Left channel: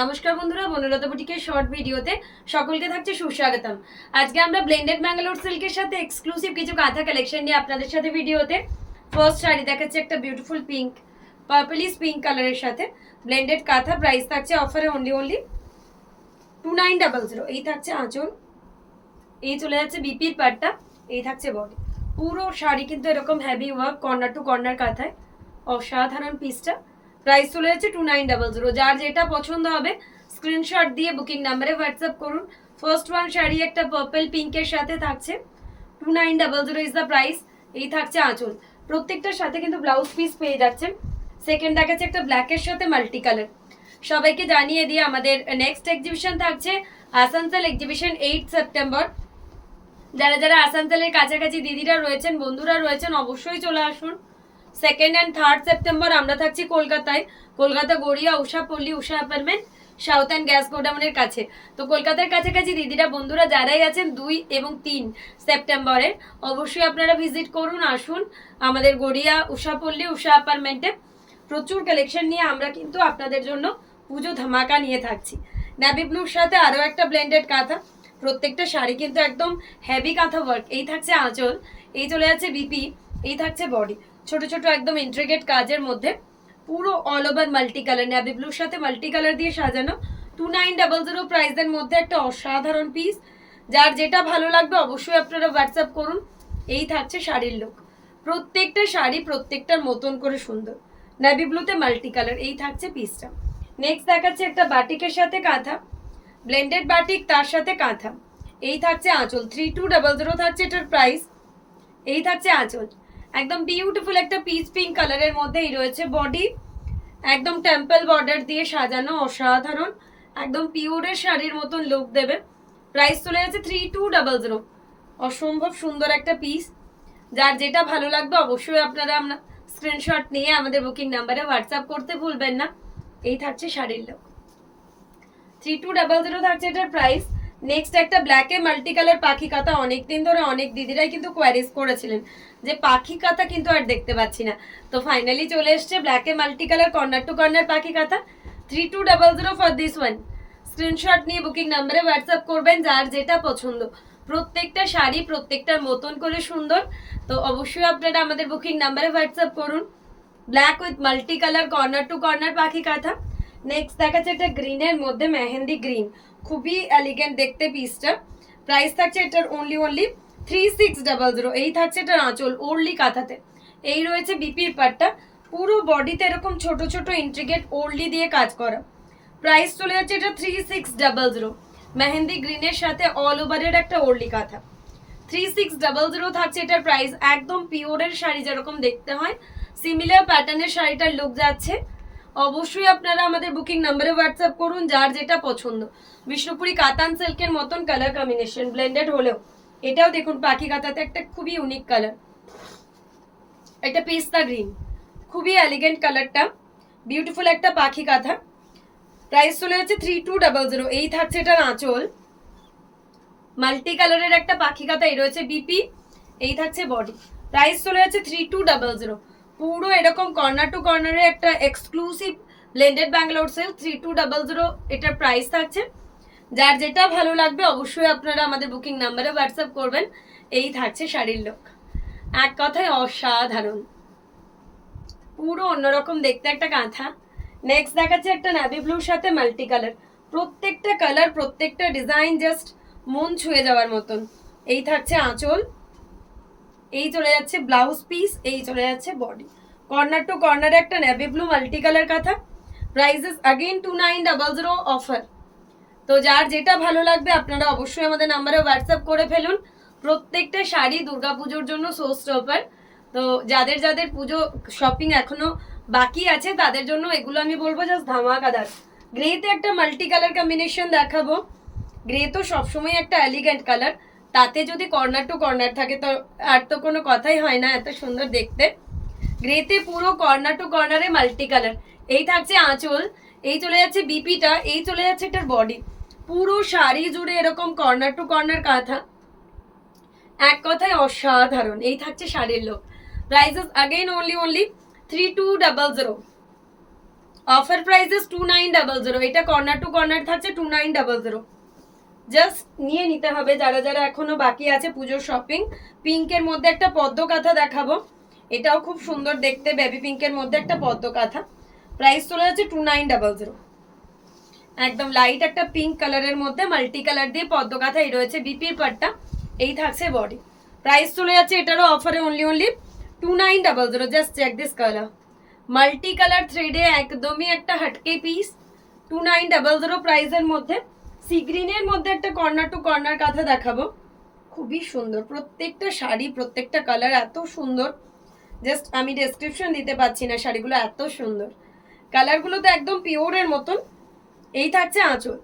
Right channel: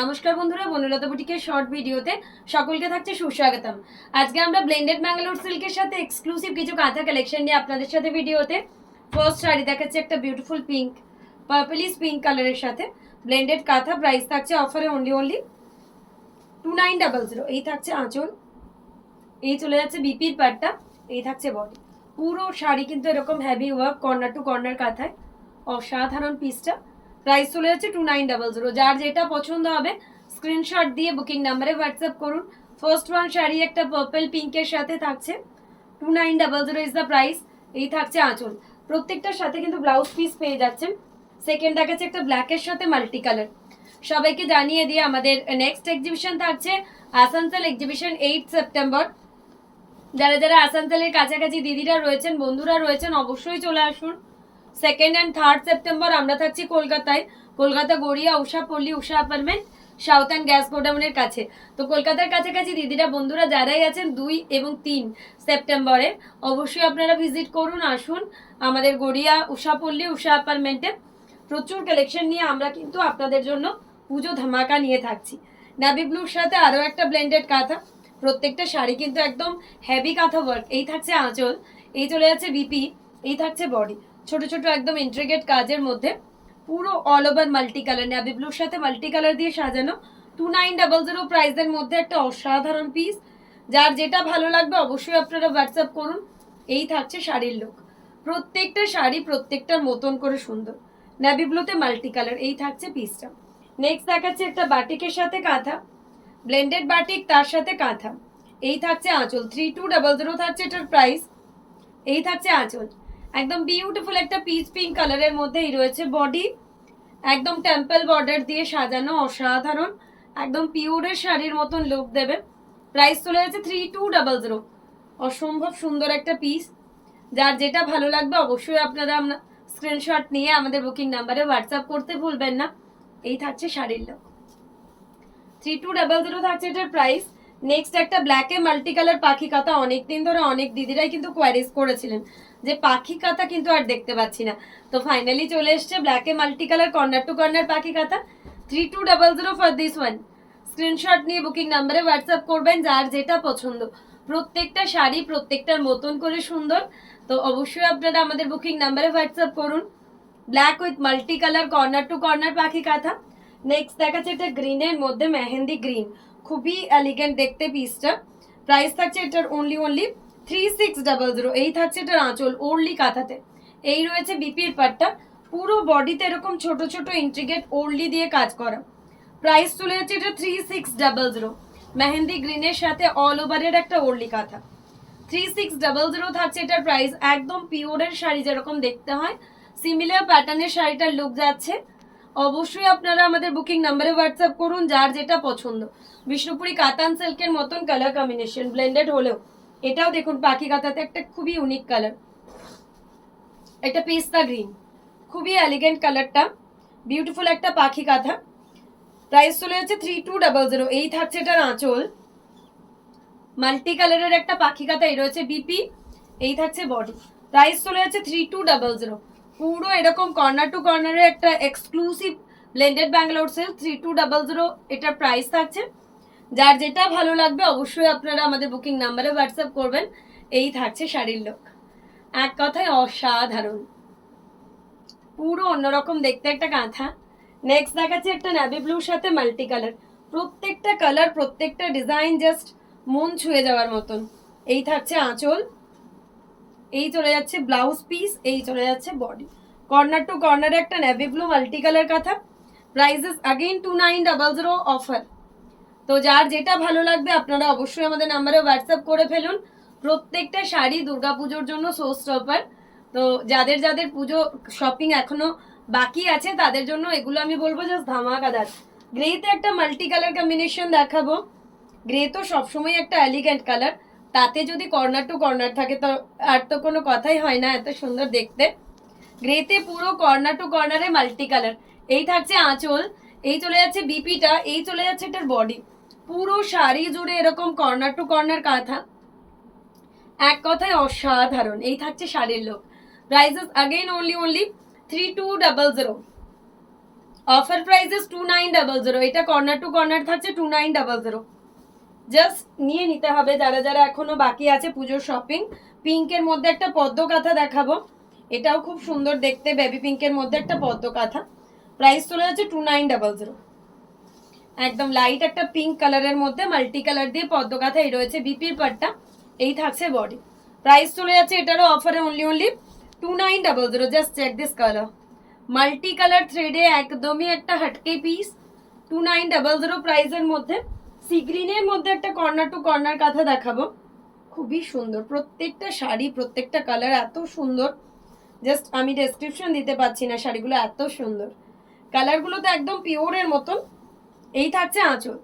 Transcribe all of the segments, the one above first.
নমস্কার বন্ধুরা, বনলতা বুটিকের শর্ট ভিডিওতে সকলকে থাকছে সুস্বাগতম। আজকে আমরা ব্লেন্ডেড ব্যাঙ্গালোর সিল্কের সাথে এক্সক্লুসিভ কিছু কাঁথা কালেকশন নিয়ে আপনাদের সাথে ভিডিওতে ফার্স্ট শাড়ি দেখাচ্ছে একটা বিউটিফুল পিঙ্ক, পার্পলিশ পিঙ্ক কালারের সাথে ব্লেন্ডেড কাঁথা। প্রাইস থাকছে অফারে অনলি 2900। এই থাকছে আঁচল, এই চলে যাচ্ছে বিপির পাটটা, এই থাকছে বডি। পুরো শাড়ি কিন্তু এরকম heavy work, corner to corner কাঁথায়, অসাধারণ পিসটা। প্রাইস চলে যাচ্ছে 2900। যার যেটা পছন্দ হবে স্ক্রিনশট দিয়ে বুকিং নাম্বারে হোয়াটসঅ্যাপ করুন। ফার্স্ট ওয়ান শাড়ি একটা পার্পল পিঙ্কের সাথে থাকছে 2900 ইজ দ্য প্রাইস। এই থাকছে আঁচল, প্রত্যেকটার সাথে কিন্তু ব্লাউজ পিস পেয়ে যাচ্ছেন। সেকেন্ড দেখাচ্ছে একটা ব্ল্যাকের সাথে মাল্টি কালার। সবাইকে জানিয়ে দিয়ে আমাদের নেক্সট এক্সিবিশন থাকছে আসানসোল এক্সিবিশন 8 সেপ্টেম্বর। যারা যারা আসানসোলের কাছাকাছি দিদিরা রয়েছেন, বন্ধুরা রয়েছেন, অবশ্যই চলে আসুন। সেকেন্ড অ্যান্ড থার্ড সেপ্টেম্বর আমরা থাকছি কলকাতায়, কলকাতা গড়িয়া উষা পল্লী উষা অ্যাপার্টমেন্ট, সাউথ অ্যান্ড গ্যাস গোডাউনের কাছে। তো কলকাতার কাছাকাছি দিদিরা বন্ধুরা যারাই আছেন 2 এবং 3 সেপ্টেম্বরে অবশ্যই আপনারা ভিজিট করুন, আসুন আমাদের গড়িয়া উষা পল্লী উষা অ্যাপার্টমেন্টে। প্রচুর কালেকশন নিয়ে আমরা কিন্তু আপনাদের জন্য পুজো ধামাকা নিয়ে থাকছি। নেভি ব্লুর সাথে আরও একটা ব্লেন্ডেড কাঁথা, প্রত্যেকটা শাড়ি কিন্তু একদম হেভি কাঁথা ওয়ার্ক। এই থাকছে আঁচল, এই চলে যাচ্ছে বিপি, এই থাকছে বডি। ছোট ছোট একদম ইন্ট্রিগেট কাজের মধ্যে পুরো all over multi colour, navy ব্লুর সাথে মাল্টি কালার দিয়ে সাজানো 2900 প্রাইসের মধ্যে একটা অসাধারণ পিস। যার যেটা ভালো লাগবে অবশ্যই আপনারা হোয়াটসঅ্যাপ করুন। এই থাকছে শাড়ির লুক, প্রত্যেকটা শাড়ি প্রত্যেকটার মতন করে সুন্দর, নেভি ব্লুতে মাল্টি কালার। এই থাকছে পিসটা। নেক্সট দেখাচ্ছে একটা বাটিকের সাথে কাঁথা, ব্লেন্ডেড বাটিক তার সাথে কাঁথা। এই থাকছে আঁচল, 3200 থাকছে এটার প্রাইস। এই থাকছে আঁচল, একদম বিউটিফুল একটা পিচ পিঙ্ক কালারের মধ্যেই রয়েছে বডি, একদম টেম্পল বর্ডার দিয়ে সাজানো, অসাধারণ একদম পিওরের শাড়ির মতন লুক দেবে। প্রাইস চলে যাচ্ছে 3200। অসম্ভব সুন্দর একটা পিস। যার যেটা ভালো লাগবে অবশ্যই আপনারা স্ক্রিনশট নিয়ে আমাদের বুকিং নাম্বারে হোয়াটসঅ্যাপ করতে ভুলবেন না। এই থাকছে শাড়ির লুক, 3200 থাকছে এটার প্রাইস। নেক্সট একটা ব্ল্যাকে মাল্টি কালার পাখি কাঁথা। অনেকদিন ধরে অনেক দিদিরাই কিন্তু কোয়ারিজ করেছিলেন যে পাখি কাঁথা কিন্তু আর দেখতে পাচ্ছি না, তো ফাইনালি চলে এসছে ব্ল্যাকে multi colour corner to corner পাখি কাঁথা। 3200 ফর দিস ওয়ান। স্ক্রিনশট নিয়ে বুকিং নাম্বারে হোয়াটসঅ্যাপ করবেন যার যেটা পছন্দ। প্রত্যেকটা শাড়ি প্রত্যেকটার মতন করে সুন্দর, তো অবশ্যই আপনারা আমাদের বুকিং নাম্বারে হোয়াটসঅ্যাপ করুন। Black with multi colour corner to corner পাখি কাঁথা। নেক্সট দেখাচ্ছে একটা গ্রিনের মধ্যে মেহেন্দি গ্রিন, খুবই এলিগেন্ট দেখতে পিসটা। প্রাইস থাকছে এটার অনলি 3600। এই থাকছে এটার আঁচল ওরলি কাঁথাতে, এই রয়েছে বিপির পাটটা, পুরো বডিতে এরকম ছোট ছোট ইন্ট্রিগেট ওরলি দিয়ে কাজ করা। প্রাইস চলে যাচ্ছে এটা 3600, মেহেন্দি গ্রিনের সাথে অল ওভারের একটা ওরলি কাঁথা। 3600 থাকছে এটার প্রাইস। একদম পিওরের শাড়ি যেরকম দেখতে হয় সিমিলার প্যাটার্নের শাড়িটার লুক যাচ্ছে। অবশ্যই আপনারা আমাদের বুকিং নাম্বারে হোয়াটসঅ্যাপ করুন যার যেটা পছন্দ। বিষ্ণুপুরি কাতান সিল্কের মতন কালার কম্বিনেশন, ব্লেন্ডেড হলেও এটাও দেখুন পাখি কাঁথাতে একটা খুবই ইউনিক কালার, একটা পিস্তা গ্রিন, খুবই এলিগেন্ট কালারটা, বিউটিফুল একটা পাখি কাঁথা। প্রাইস চলে যাচ্ছে 3200। এই থাকছে এটার আঁচল, মাল্টি কালারের একটা পাখি কাঁথা, এই রয়েছে বিপি, এই থাকছে বডি। প্রাইস চলে যাচ্ছে 3200। পুরো এরকম কর্নার টু কর্নারে একটা এক্সক্লুসিভ ব্লেন্ডেড ব্যাঙ্গালোর সিল্ক 3200 এটার প্রাইস থাকছে। যার যেটা ভালো লাগবে অবশ্যই আপনারা আমাদের বুকিং নাম্বারে হোয়াটসঅ্যাপ করবেন। এই থাকছে শাড়ির লুক, এক কথায় অসাধারণ, পুরো অন্যরকম দেখতে একটা কাঁথা। নেক্সট দেখাচ্ছে একটা নেভি ব্লুর সাথে মাল্টি কালার, প্রত্যেকটা কালার প্রত্যেকটা ডিজাইন জাস্ট মন ছুঁয়ে যাওয়ার মতন। এই থাকছে আঁচল, এই চলে যাচ্ছে ব্লাউজ পিস, এই চলে যাচ্ছে বডি। কর্নার টু কর্নারে একটা নেভি ব্লু মাল্টি কালার কাঁথা। Prices again 2900 offer. তো যার যেটা ভালো লাগবে আপনারা অবশ্যই আমাদের নাম্বারে হোয়াটসঅ্যাপ করে ফেলুন। প্রত্যেকটা শাড়ি দুর্গাপুজোর জন্য শো স্টপার। তো যাদের যাদের পুজো শপিং এখনো বাকি আছে তাদের জন্য এগুলো আমি বলবো জাস্ট ধামাকাদার। গ্রেতে একটা মাল্টি কালার কম্বিনেশন দেখাবো। গ্রে তো সবসময় একটা এলিগেন্ট কালার, তাতে যদি কর্নার টু কর্নার থাকে তো আর তো কোনো কথাই হয় না, এত সুন্দর দেখতে। গ্রেতে পুরো কর্নার টু কর্নারে মাল্টি কালার। এই থাকছে আঁচল, এই চলে যাচ্ছে বিপিটা, এই চলে যাচ্ছে এটার বডি। পুরো শাড়ি জুড়ে এরকম কর্নার টু কর্নার কাঁথা, এক কথায় অসাধারণ। এই থাকছে শাড়ির look. Prices again only 3200। Offer prices 2900, এটা কর্নার টু কর্নার থাকছে 2900। জাস্ট নিয়ে নিতে হবে যারা যারা এখনো বাকি আছে পুজোর শপিং। পিঙ্কের মধ্যে একটা পদ্ম কাঁথা দেখাবো, এটাও খুব সুন্দর দেখতে, বেবি পিঙ্কের মধ্যে একটা পদ্ম কাঁথা। প্রাইস চলে যাচ্ছে 2900। একদম লাইট একটা পিঙ্ক কালারের মধ্যে মাল্টি কালার দিয়ে পদ্ম কাঁথা, এই রয়েছে বিপির পাটটা, এই থাকছে বডি। প্রাইস চলে যাচ্ছে এটারও অফারে only 2900। Just check this colour, multi colour থ্রেডে একদমই একটা হাটকে পিস, 2900 প্রাইসের মধ্যে। সি গ্রিনের মধ্যে একটা কর্নার টু কর্নার কাঁথা দেখাবো, খুবই সুন্দর প্রত্যেকটা শাড়ি, প্রত্যেকটা কালার এত সুন্দর, জাস্ট আমি ডেসক্রিপশন দিতে পারছি না, শাড়িগুলো এত সুন্দর, কালারগুলো তো একদম পিওরের মতন। এই থাকছে আঁচল,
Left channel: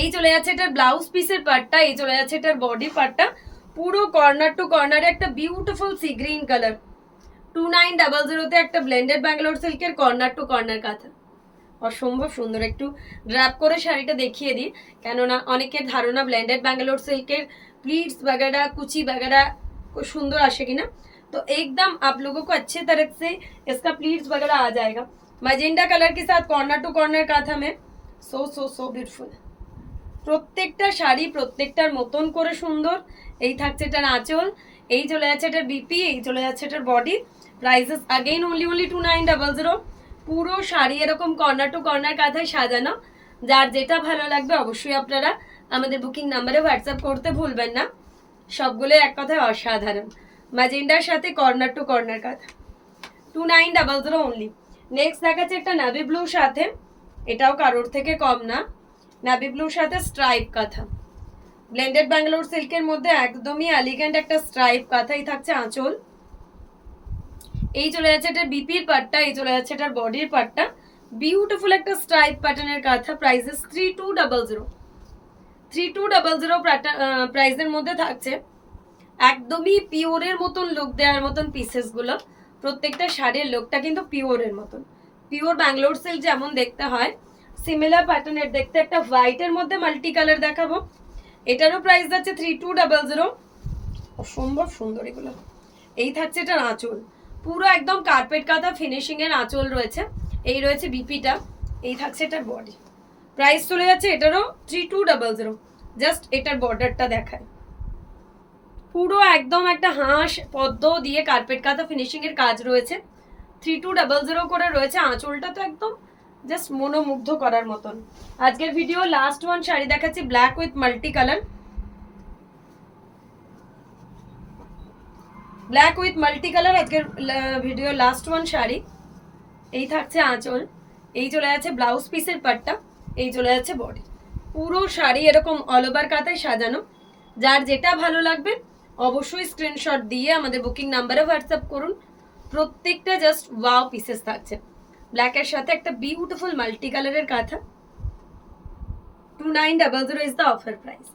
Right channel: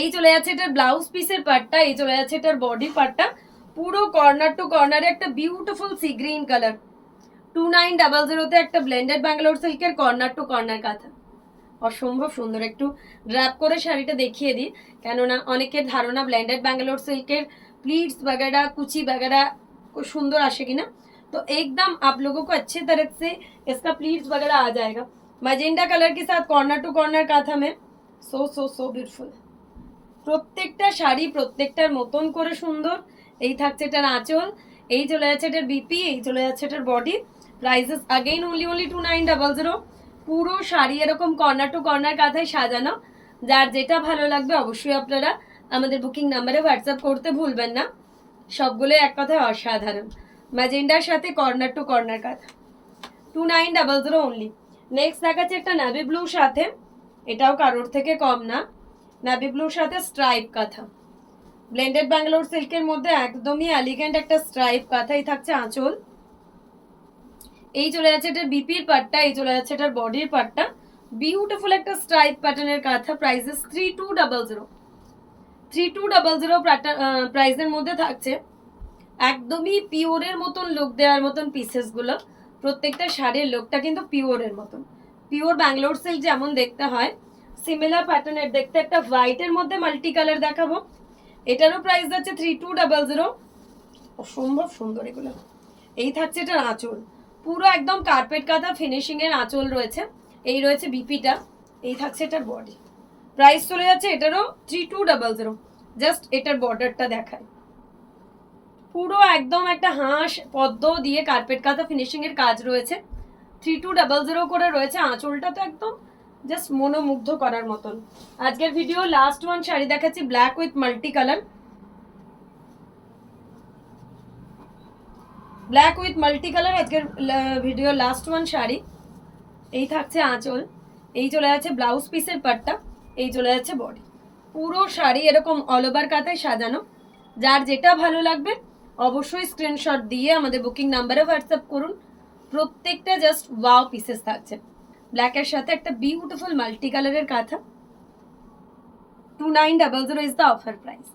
এই চলে যাচ্ছে এটার ব্লাউজ পিসের পার্টটা, এই চলে যাচ্ছে এটার বডি পার্টটা, পুরো কর্নার টু কর্নারে একটা বিউটিফুল সি গ্রিন কালার। 2900 একটা ব্লেন্ডেড ব্যাঙ্গালোর সিল্কের কর্নার টু কর্নার কাঁথা, অসম্ভব সুন্দর। একটু ড্র্যাপ করে শাড়িটা দেখিয়ে দিই, কেননা অনেকের ধারণা ব্লেন্ডেড ব্যাঙ্গালোর সিল্কের प्लीट्स वगैरह कुची वगैरह कुछ सुंदर आशेगी ना, तो एकदम आप लोगों को अच्छे तरह से इसका प्लीट्स वगैरह आ जाएगा। मैजेंडा कलर के साथ कॉर्नर टू कॉर्नर काथा में सो सो सो ब्यूटीफुल, প্রত্যেকটা শাড়ি প্রত্যেকটার মতন করে সুন্দর। এই থাকছে এটার আঁচল, এই চলে যাচ্ছে এটার বিপি, এই চলে যাচ্ছে এটার বডি। Prices again only 2900। পুরো শাড়ি এরকম কর্নার টু কর্নার কাঁথায় সাজানো, যার যেটা ভালো লাগবে অবশ্যই আপনারা আমাদের বুকিং নাম্বারে হোয়াটসঅ্যাপ করতে ভুলবেন না। সবগুলো এক কথায় অসাধারণ, ম্যাজেন্ডার সাথে কর্নার টু কর্নার কাঁথা, 2900 অনলি। নেক্সট দেখাচ্ছে একটা নাভি ব্লুর সাথে, এটাও কারোর থেকে কম না, নাভি ব্লুর সাথে স্ট্রাইপ কাঁথা, ব্লেন্ডেড ব্যাঙ্গালোর সিল্কের মধ্যে একদমই এলিগেন্ট একটা স্ট্রাইপ কাঁথাই থাকছে আঁচল। এই চলে যাচ্ছে এটার বিপির পার্টটা, এই চলে যাচ্ছে এটার বডির পার্টটা, বিউটিফুল একটা স্ট্রাইপ প্যাটার্নের কাঁথা। প্রাইসেস 3200 প্রাইসের মধ্যে থাকছে। একদমই পিওরের মতন লুক দেওয়ার মতন পিসেস গুলো, প্রত্যেকটা শাড়ির লুকটা কিন্তু পিওরের মতন, পিওর ব্যাঙ্গালোর সিল্ক যেমন দেখতে হয় সিমিলার প্যাটার্নের দেখতে। একটা হোয়াইটের মধ্যে মাল্টি কালার দেখাবো, এটারও প্রাইস যাচ্ছে 3200। অসম্ভব সুন্দর এগুলো। এই থাকছে এটার আঁচল, পুরো একদম কার্পেট কাঁথা ফিনিশিং এর আঁচল রয়েছে, এই রয়েছে বিপিটা, এই থাকছে এটার বডি। প্রাইস চলে যাচ্ছে এটারও 3200। জাস্ট এটার বর্ডারটা দেখায়, পুরো একদম একটা হাঁস পদ্ম দিয়ে কার্পেট কাঁথা ফিনিশিং এর কাজ রয়েছে, 3200 করে রয়েছে। আঁচলটা তো একদম জাস্ট মনোমুগ্ধ করার মতন। আজকের ভিডিও লাস্ট ওয়ান শাড়ি দেখাচ্ছি, black with multi colour, black with multi colour আজকের ভিডিও লাস্ট ওয়ান শাড়ি। এই থাকছে আঁচল, এই চলে যাচ্ছে ব্লাউজ পিসের পাটটা, এই চলে যাচ্ছে বডি। পুরো শাড়ি এরকম অল ওভার কাঁথায় সাজানো, যার যেটা ভালো লাগবে অবশ্যই স্ক্রিনশট দিয়ে আমাদের বুকিং নাম্বারে হোয়াটসঅ্যাপ করুন। প্রত্যেকটা জাস্ট ওয়াও পিসেস থাকছে, ব্ল্যাকের সাথে একটা বিউটিফুল মাল্টি কালারের কাঁথা। 2900 ইজ দ্য অফার প্রাইস।